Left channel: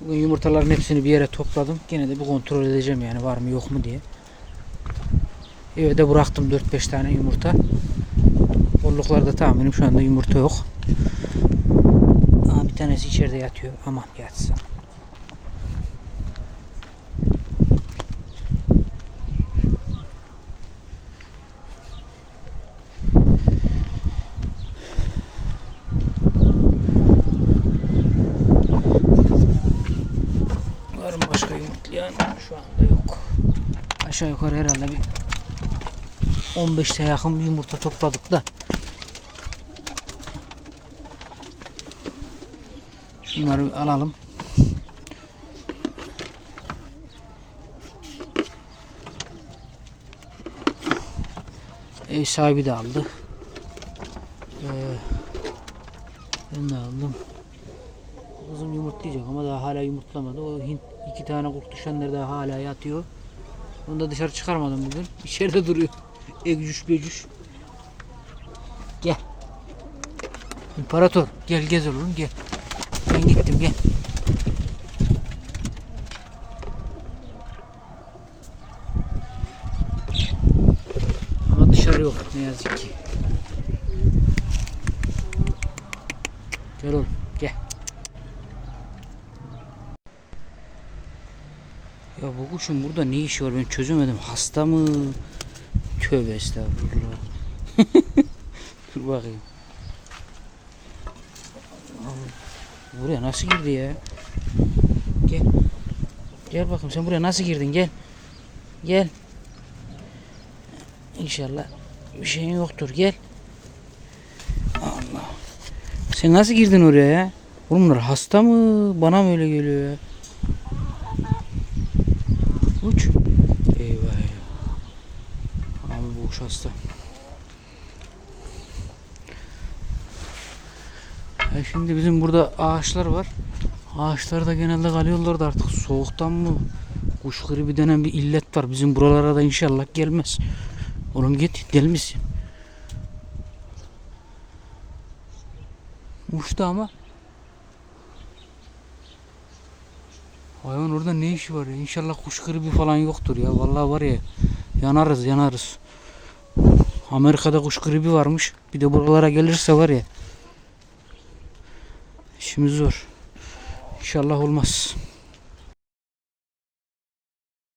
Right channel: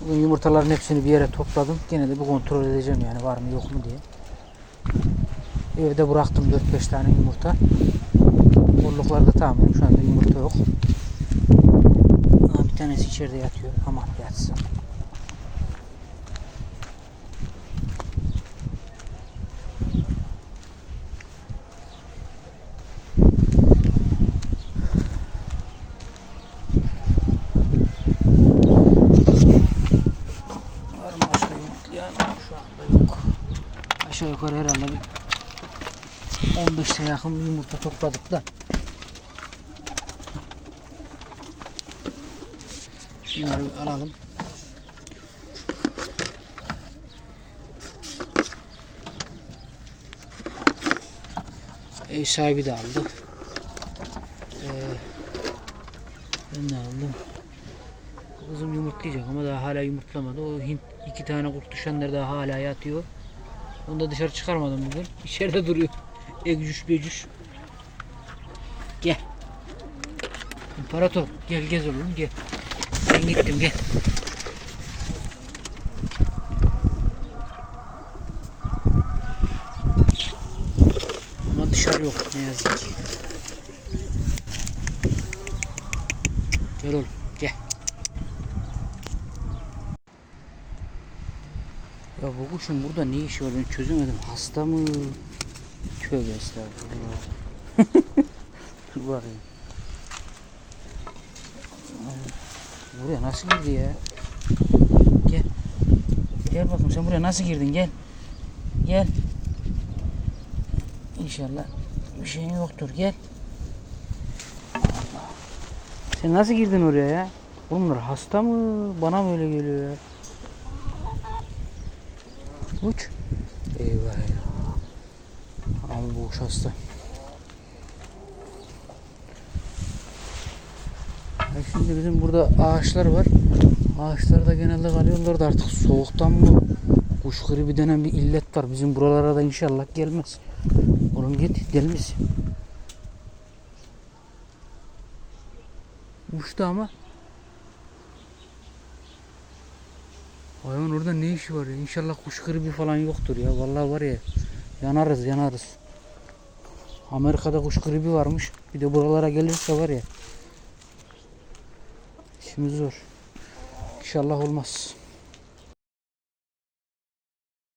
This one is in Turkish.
Bugün yumurtaların hepsini bir yere topladım. Gene de bir kontrol edeceğim yani var mı yok mu diye. Eve de bıraktım 4-5 tane yumurta. Bolluklarda tahminim şu anda yumurta yok. Aa, bir tanesi içeride yatıyor. Aman yatsın. Var mı başka yumurtlayan? Şu anda yok. Aşağı yukarı herhalde bir 15'te yakın yumurta topladık da. Bunları alalım. Ev sahibi de aldı. Ee, ben de aldım. Kızım yumurtlayacak ama daha hala yumurtlamadı. O Hint iki tane kurt düşenler daha hala yatıyor. Onu da dışarı çıkarmadım bugün. İçeride duruyor. Egcüş becüş. Gel. İmparator gel gez oğlum gel. Ben gittim gel. Ama dışarı yok ne yazık ki. Gel oğlum gel. Ya bu kuşun burada ne işi var ben çözemedim. Hasta mı? Tövbe estağfurullah. Dur bakayım. Buraya nasıl girdi ya? Gel. Gel bakayım sen buraya nasıl girdin gel. Gel. İnşallah bir şeyin yoktur gel. Allah. Sen nasıl girdin oraya ya? Oğlum hasta mı? Bana mı öyle geliyor ya? Uç. Eyvah eyvah. Abi bu kuş hasta. Ya şimdi bizim burada ağaçlar var. Ağaçlarda genelde kalıyorlar da artık soğuktan mı? Kuş gribi denen bir illet var. Bizim buralara da inşallah gelmez. Oğlum git deli misin? Uçtu ama. Hayvan orada ne işi var ya? İnşallah kuş gribi falan yoktur ya. Vallahi var ya yanarız yanarız. Amerika'da kuş gribi varmış. Bir de buralara gelirse var ya. İşimiz zor. İnşallah olmaz.